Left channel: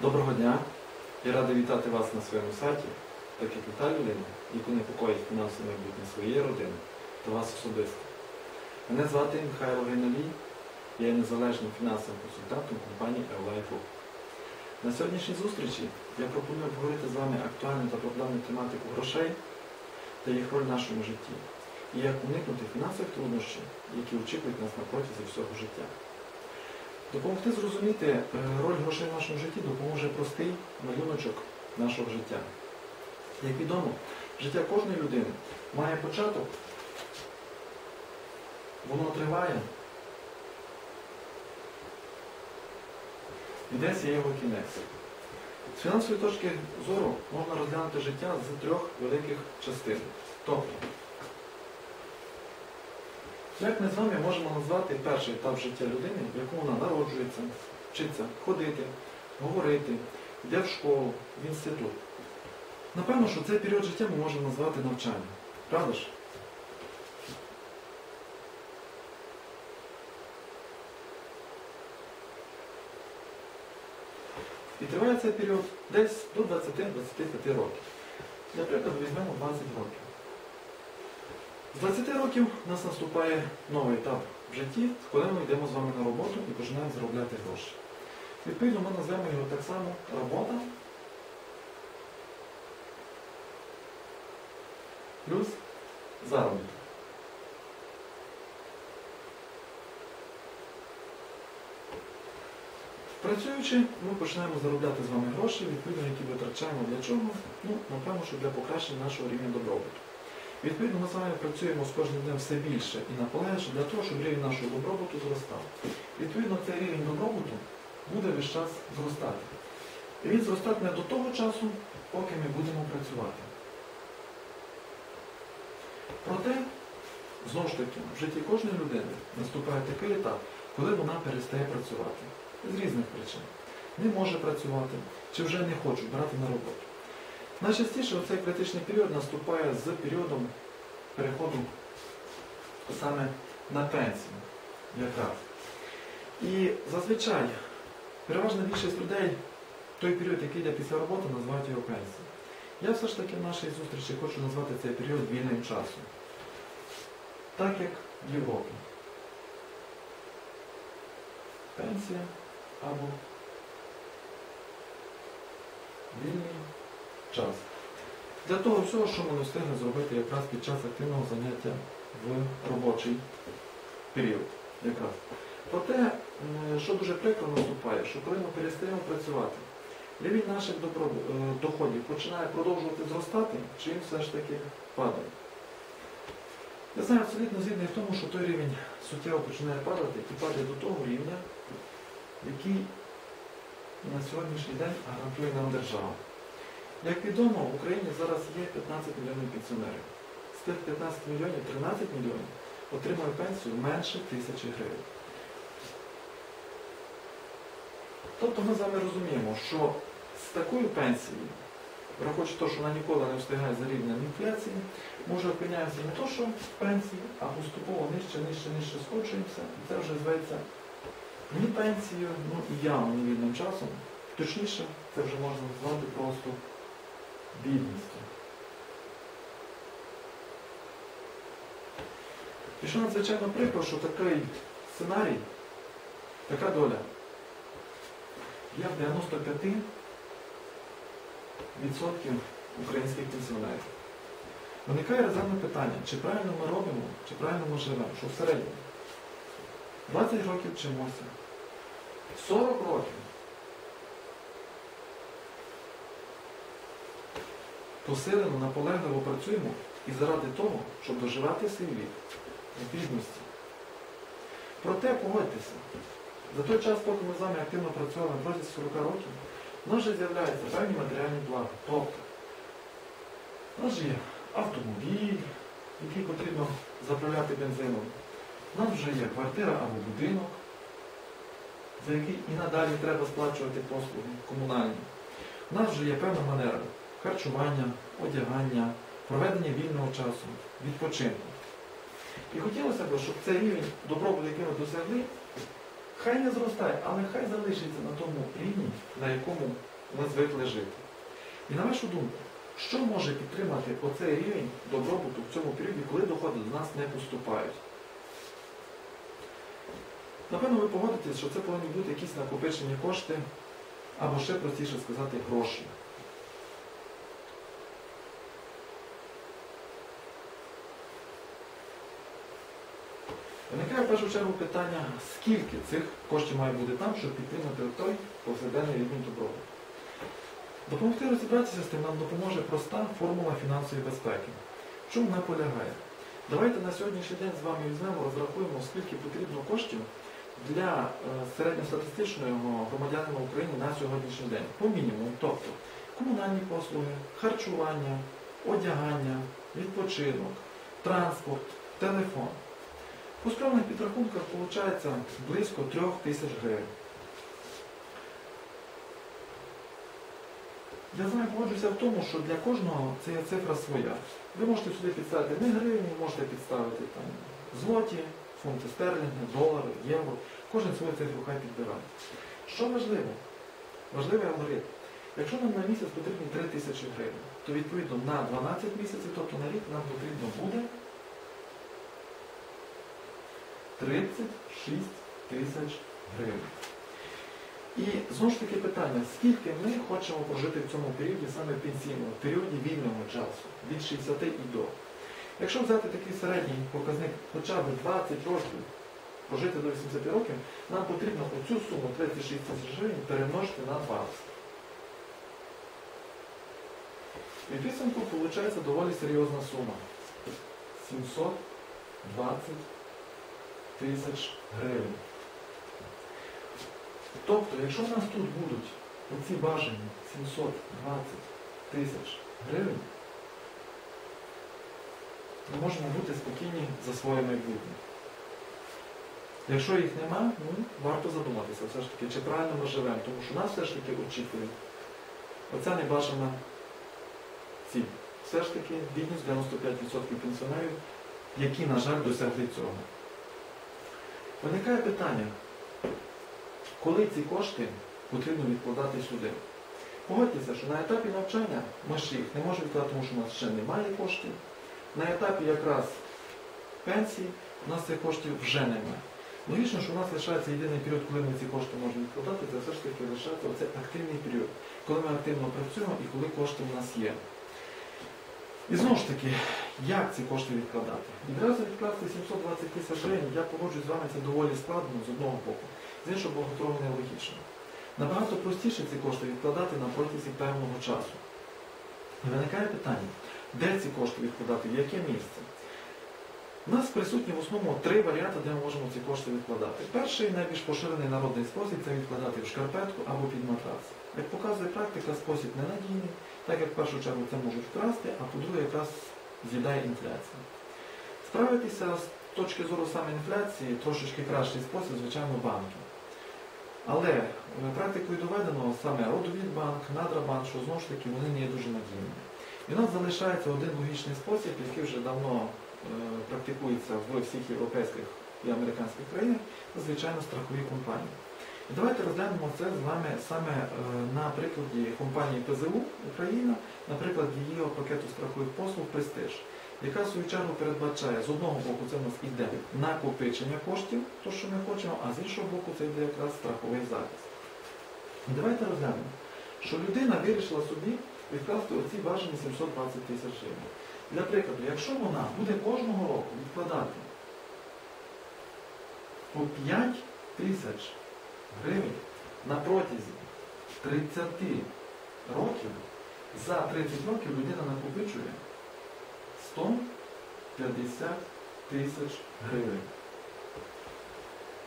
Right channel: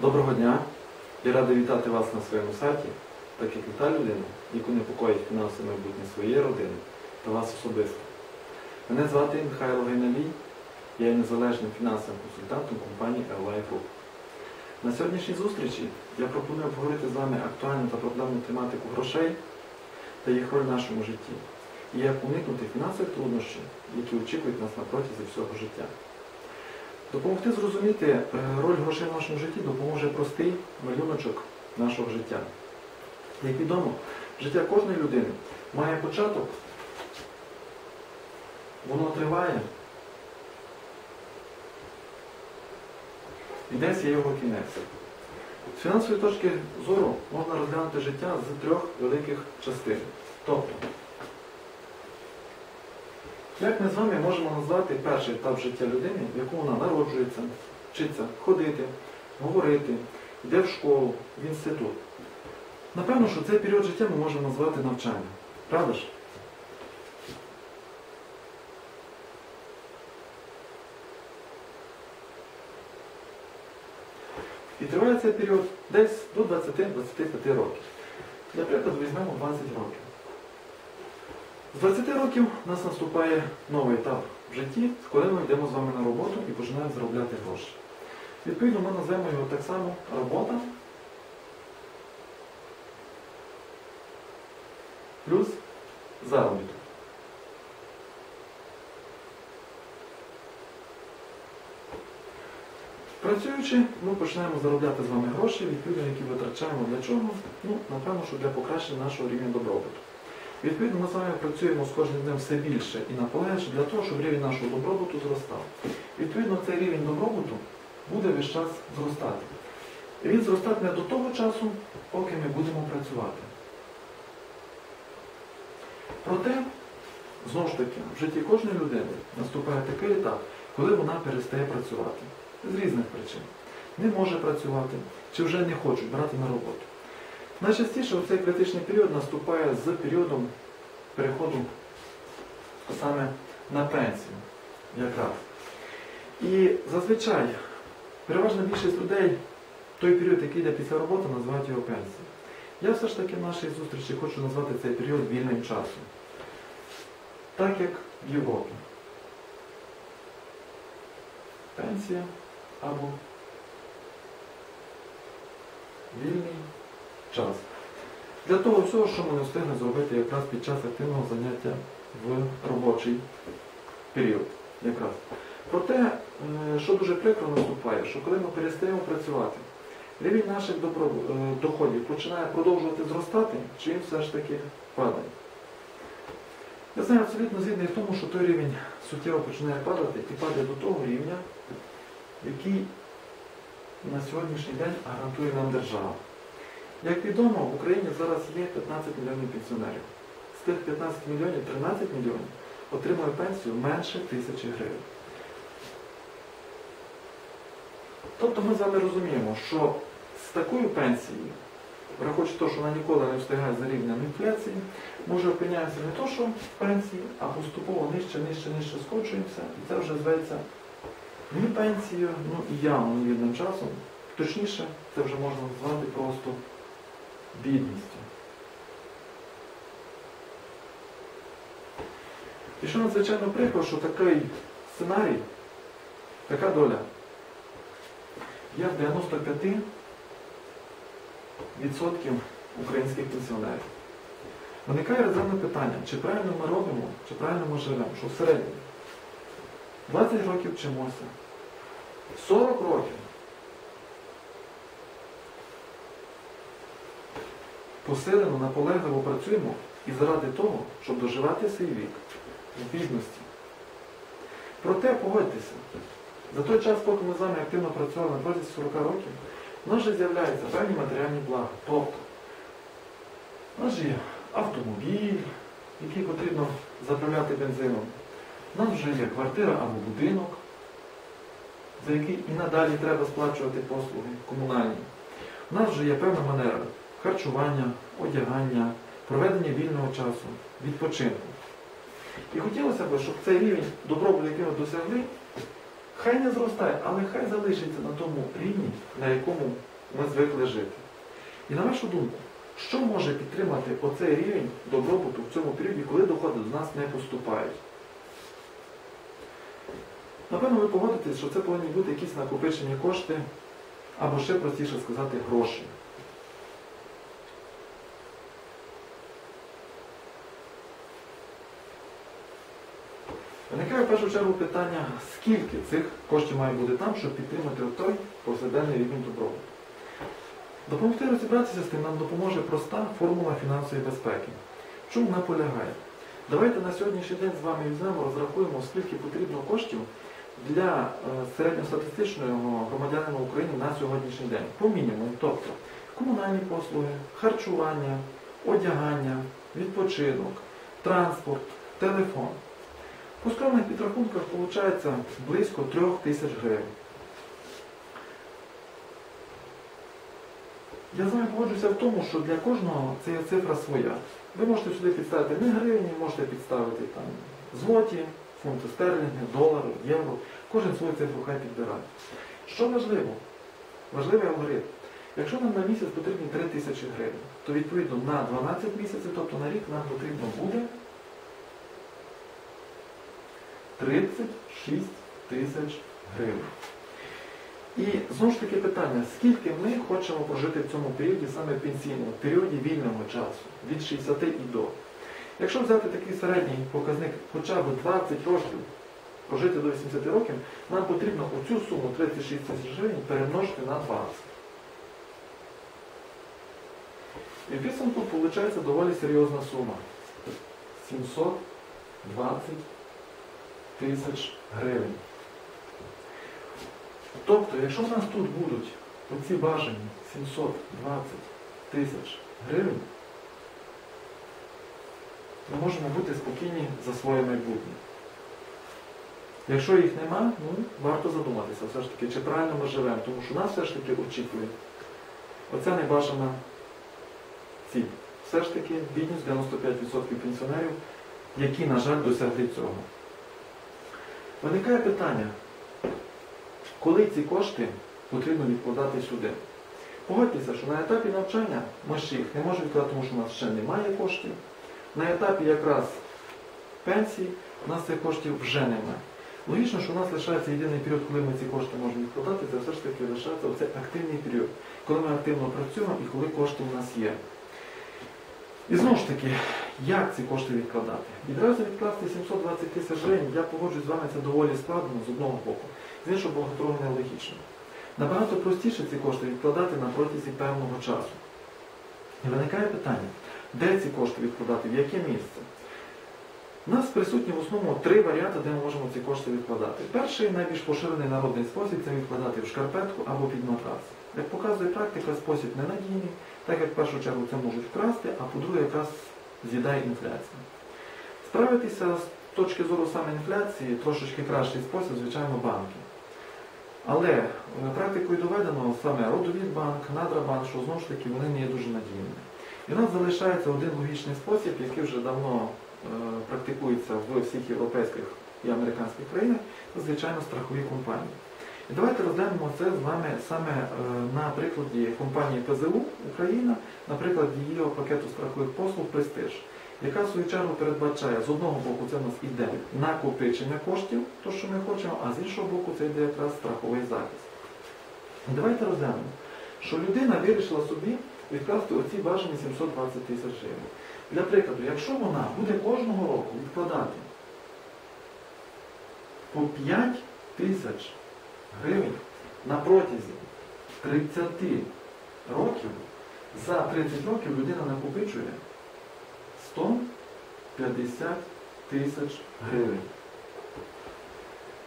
Доброго дня! Я радий вітати вас на своєму сайті, так як і та людина, яку непокоїть фінансове майбутнє своєї родини та вас особисто. Мене звати Михайло Гайналій, я є незалежним фінансовим консультантом компанії Airlife Group. На сьогоднішній зустрічі я пропоную обговорити з вами актуальну та проблемну тематику грошей та їх роль в нашому житті, і як уникнути фінансових труднощів, які очікують нас на протязі всього життя. Допомогти зрозуміти е, роль грошей в нашому житті допоможе простий малюночок нашого життя. Як відомо, життя кожної людини має початок, воно триває, і десь є його кінець. З фінансової точки зору можна розглянути життя з трьох великих частин. Тобто, як ми з вами можемо назвати перший етап життя людини, в якому вона народжується, вчиться ходити, говорити, йде в школу, в інститут? Напевно, що цей період життя ми можемо назвати навчання. Правда ж? І триває цей період десь до 20-25 років. Для прикладу візьмемо 20 років. З 20 років у нас наступає новий етап в житті, коли ми йдемо з вами на роботу і починаємо заробляти гроші. Відповідно, ми назвемо його так само робота плюс заробіток. Працюючи, ми починаємо заробляти з вами гроші, відповідно, які витрачаємо для чого? Ну, напевно, що для покращення нашого рівня добробуту. Відповідно, ми з вами працюємо з кожним днем все більше і наполегше для того, щоб рівень нашого добробуту зростав. Відповідно, цей рівень добробуту буде весь час зростати. І він зростатиме до того часу, поки ми будемо працювати. Проте, знову ж таки, в житті кожної людини наступає такий етап, коли вона перестає працювати. З різних причин. Не може працювати, чи вже не хочуть брати на роботу. Найчастіше цей критичний період наступає з періодом переходу саме на пенсію. Якраз. І зазвичай переважна більшість людей той період, який йде після роботи, називають його пенсією. Я все ж таки в нашій зустрічі хочу назвати цей період вільним часом. Так як в Європі. Пенсія або вільний час. Для того всього, що ми не встигли зробити якраз під час активного заняття в робочий період. Якраз. Проте, е, що дуже прикро наступає, що коли ми перестаємо працювати, рівень наших е, доходів починає продовжувати зростати, чи він все ж таки падає. Я знаю абсолютно згідний в тому, що той рівень суттєво починає падати і падає до того рівня, який на сьогоднішній день гарантує нам держава. Як відомо, в Україні зараз є 15 мільйонів пенсіонерів. З тих 15 мільйонів 13 мільйонів отримує пенсію менше тисячі гривень. Тобто ми з вами розуміємо, що з такою пенсією, враховуючи те, що вона ніколи не встигає за рівнем інфляції, ми вже опиняємося не то, що в пенсії, а поступово нижче, нижче, нижче скочуємося, і це вже зветься ні пенсією, ну і явно невільним часом. Точніше, це вже можна назвати просто бідністю. І що надзвичайно прикро, що такий сценарій, така доля є в 95% українських пенсіонерів. Виникає резервне питання, чи правильно ми робимо, чи правильно ми живемо, що в середньому 20 років вчимося, 40 років посилено, наполегливо працюємо і заради того, щоб доживати свій вік в бідності. Проте погодьтеся, за той час, поки ми з вами активно працювали протязі 40 років, в нас вже з'являються певні матеріальні блага. Тобто, у нас же є автомобіль, який потрібно заправляти бензином. Нас вже є квартира або будинок, за який і надалі треба сплачувати послуги комунальні. У нас вже є певна манера харчування, одягання, проведення вільного часу, відпочинку. І хотілося б, щоб цей рівень добробуту, який ми досягли, хай не зростає, але хай залишиться на тому рівні, на якому ми звикли жити. І на вашу думку, що може підтримати оцей рівень добробуту в цьому періоді, коли доходи до нас не поступають? Напевно, ви погодитесь, що це повинні бути якісь накопичені кошти, або ще простіше сказати, гроші. Виникає в першу чергу питання, скільки цих коштів має бути там, щоб підтримати той повсякденний рівень добробуту. Допомогти розібратися з тим нам допоможе проста формула фінансової безпеки. В чому вона полягає? Давайте на сьогоднішній день з вами візьмемо, розрахуємо, скільки потрібно коштів для е, середньостатистичного громадянина України на сьогоднішній день. По мінімуму, тобто комунальні послуги, харчування, одягання, відпочинок, транспорт, телефон. По скромних підрахунках виходить близько 3 тисяч гривень. Я з вами погоджуюся в тому, що для кожного це цифра своя. Ви можете сюди підставити не гривні, можете підставити там злоті, фунти стерлінги, долари, євро. Кожен свою цифру хай підбирає. Що важливо? Важливий алгоритм. Якщо нам на місяць потрібні 3 тисячі гривень, то відповідно на 12 місяців, тобто на рік, нам потрібно буде 36 тисяч гривень. І знову ж таки питання, скільки ми хочемо прожити в цьому періоді, саме пенсійному, в періоді вільного часу, від 60 і до. Якщо взяти такий середній показник хоча б 20 років, прожити до 80 років, нам потрібно оцю суму 36 тисяч гривень перемножити на 20. І в підсумку виходить доволі серйозна сума. 720 тисяч гривень. Тобто, якщо в нас тут будуть оці бажані 720 тисяч гривень, ми можемо бути спокійні за своє майбутнє. Якщо їх нема, ну, варто задуматися все ж таки, чи правильно ми живемо, тому що нас все ж таки очікує оця небажана ціль. Все ж таки бідність 95% пенсіонерів, які, на жаль, досягли цього. Виникає питання, коли ці кошти потрібно відкладати сюди? Погодьтеся, що на етапі навчання ми ще їх не можемо відкладати, тому що у нас ще немає коштів. На етапі якраз пенсії у нас цих коштів вже немає. Логічно, що у нас лишається єдиний період, коли ми ці кошти можемо відкладати, це все ж таки лишається оцей активний період, коли ми активно працюємо і коли кошти у нас є. І знову ж таки, як ці кошти відкладати? Відразу відкласти 720 тисяч гривень, я погоджуюсь з вами, це доволі складно з одного боку, з іншого боку, трохи нелогічно. Набагато простіше ці кошти відкладати на протязі певного часу. І виникає питання, де ці кошти відкладати, в яке місце? У нас присутні в основному три варіанти, де ми можемо ці кошти відкладати. Перший найбільш поширений народний спосіб це відкладати в шкарпетку або під матрас. Як показує практика, спосіб ненадійний, так як в першу чергу це можуть вкрасти, а по-друге, якраз з'їдає інфляція. Справитися з точки зору саме інфляції трошечки кращий спосіб, звичайно, банки. Але е, практикою доведено саме Родовідбанк, Надрабанк, що знову ж таки вони не є дуже надійними. І у нас залишається один логічний спосіб, який вже давно е, практикується в всіх європейських і американських країнах, це, звичайно, страхові компанії. І давайте розглянемо це з вами саме е, на прикладі компанії ПЗУ Україна, на прикладі її пакету страхових послуг Престиж, яка в свою чергу передбачає, з одного боку, це у нас іде накопичення коштів, то що ми хочемо, а з іншого боку, це йде якраз страховий захист. І давайте розглянемо, що людина вирішила собі відкласти оці бажані 720 тисяч гривень. Для прикладу, якщо вона буде кожного року відкладати по 5 тисяч гривень на протязі 30 років, за 30 років людина накопичує 150 тисяч гривень.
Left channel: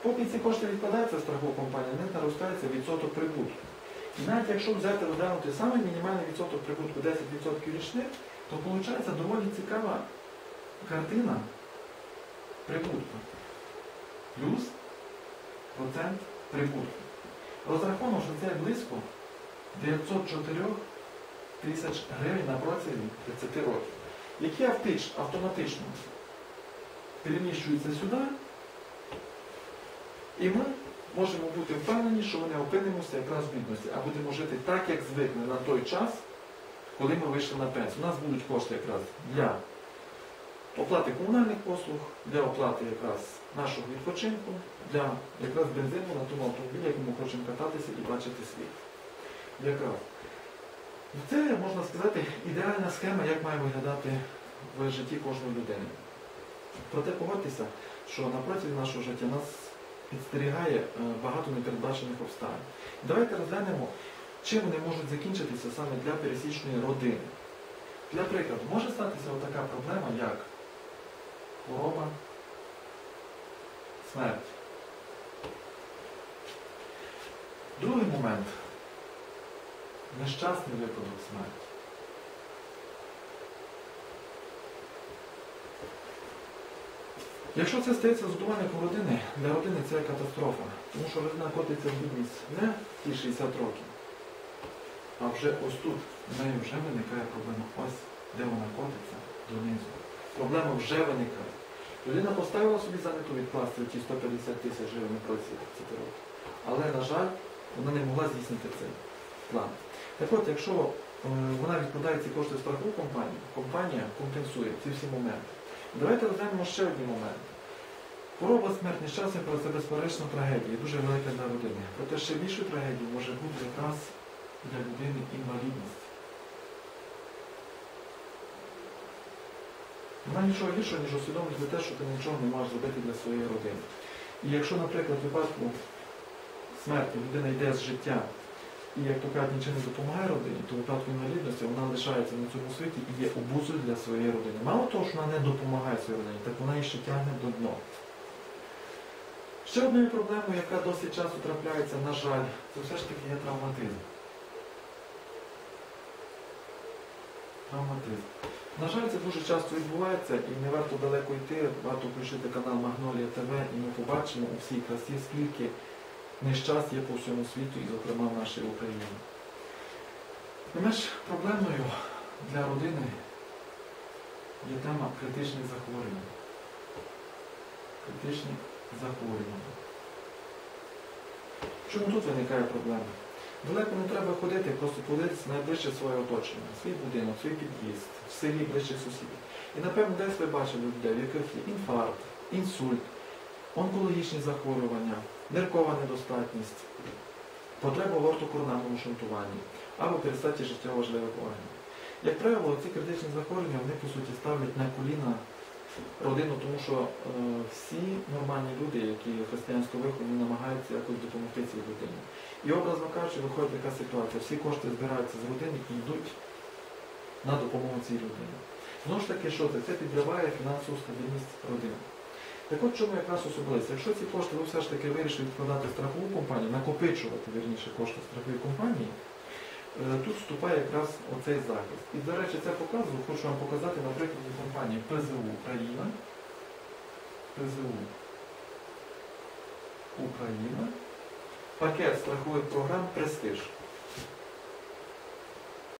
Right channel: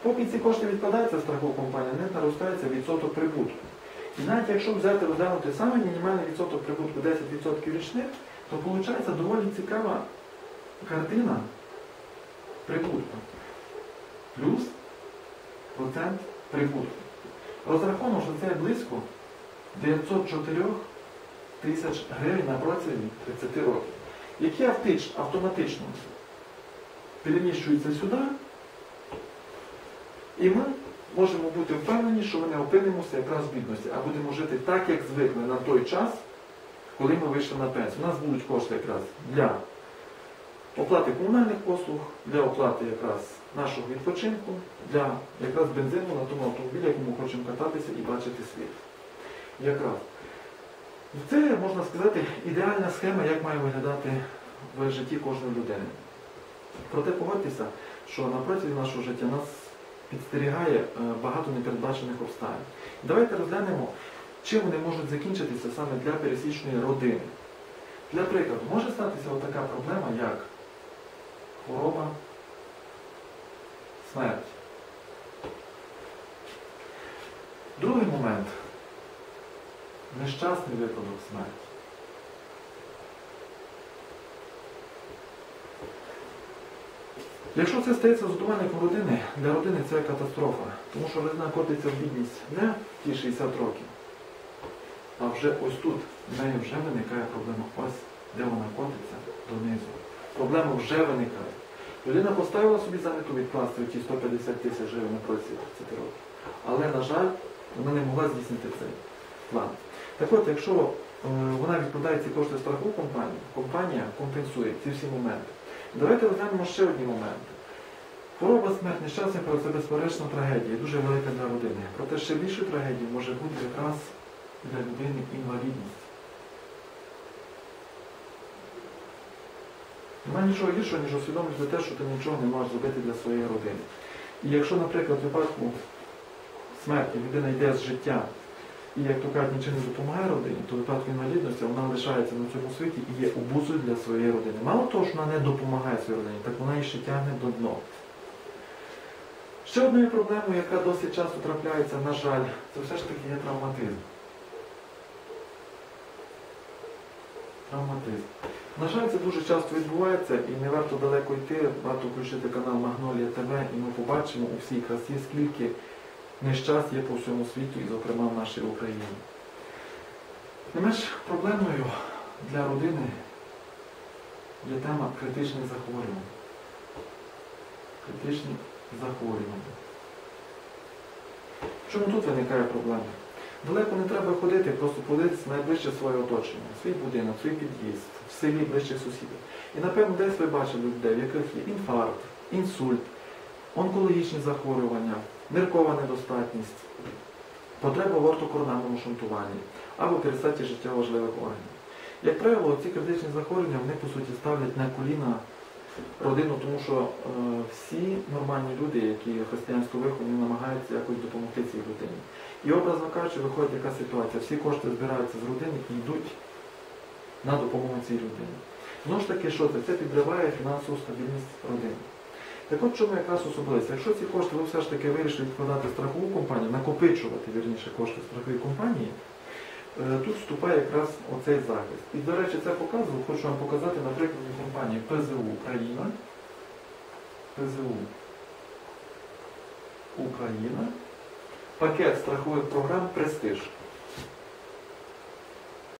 Поки ці кошти відкладаються в страхову компанію, не наростається відсоток прибутку. І навіть якщо взяти розглянути саме мінімальний відсоток прибутку 10% річних, то виходить доволі цікава картина прибутку. Плюс процент прибутку. Розраховано, що це близько 904 тисяч гривень на протязі 30 років, які автоматично переміщуються сюди, і ми можемо бути впевнені, що ми не опинимося якраз в бідності, а будемо жити так, як звикли на той час, коли ми вийшли на пенсію. У нас будуть кошти якраз для оплати комунальних послуг, для оплати якраз нашого відпочинку, для якраз бензину на тому автомобілі, якому хочемо кататися і бачити світ. Якраз. Це, можна сказати, ідеальна схема, як має виглядати в житті кожної людини. Проте погодьтеся, що на протязі нашого життя нас підстерігає е, багато непередбачених обставин. Давайте розглянемо, чим вони можуть закінчитися саме для пересічної родини. Для прикладу, може статися така проблема, як хвороба, смерть. Другий момент нещасний випадок смерті. Якщо це стається з годувальником родини, для родини це катастрофа, тому що родина котиться в бідність не ті 60 років, а вже ось тут в неї вже виникає проблема. Ось де вона котиться донизу. Проблеми вже виникають. Людина поставила собі за мету відкласти ті 150 тисяч гривень на протязі 30 років. Але, на жаль, вона не могла здійснити цей план. Так от, якщо е, вона відкладає ці кошти в страхову компанію, компанія компенсує ці всі моменти. І давайте розглянемо ще одні моменти. Хвороба, смерть, нещасний це безперечна трагедія, дуже велика для родини. Проте ще більшою трагедією може бути якраз для людини інвалідність. Немає нічого гіршого, ніж усвідомлювати те, що ти нічого не можеш зробити для своєї родини. І якщо, наприклад, в випадку смерті людина йде з життя і, як то кажуть, нічим не допомагає родині, то в випадку інвалідності вона лишається на цьому світі і є обузою для своєї родини. Мало того, що вона не допомагає своїй родині, так вона її ще тягне до дна. Ще одною проблемою, яка досить часто трапляється, на жаль, це все ж таки є травматизм. Травматизм. На жаль, це дуже часто відбувається і не варто далеко йти, варто включити канал Магнолія ТВ і ми побачимо у всій красі, скільки нещасть є по всьому світу і, зокрема, в нашій Україні. Не менш проблемною для родини є тема критичних захворювань. Критичні захворювання. Чому тут виникає проблема? Далеко не треба ходити, просто подивитися найближче своє оточення, свій будинок, свій під'їзд, в селі ближчих сусідів. І напевно десь ви бачили людей, в яких є інфаркт, інсульт, онкологічні захворювання, ниркова недостатність, потреба в ортокоронарному шунтуванні або пересадці життєво важливих органів. Як правило, ці критичні захворювання вони по суті ставлять на коліна родину, тому що е, всі нормальні люди, які християнського виходу, вони намагаються якось допомогти цій людині. І образно кажучи, виходить яка ситуація. Всі кошти збираються з родини і йдуть на допомогу цій людині. Знову ж таки, що це? Це підриває фінансову стабільність родини. Так от чому якраз особливість? Якщо ці кошти ви все ж таки вирішили відкладати страхову компанію, накопичувати вірніше кошти в страховій компанії, тут вступає якраз оцей захист. І, до речі, це показую, хочу вам показати на прикладі компанії ПЗУ Україна. ПЗУ Україна. Пакет страхових програм Престиж.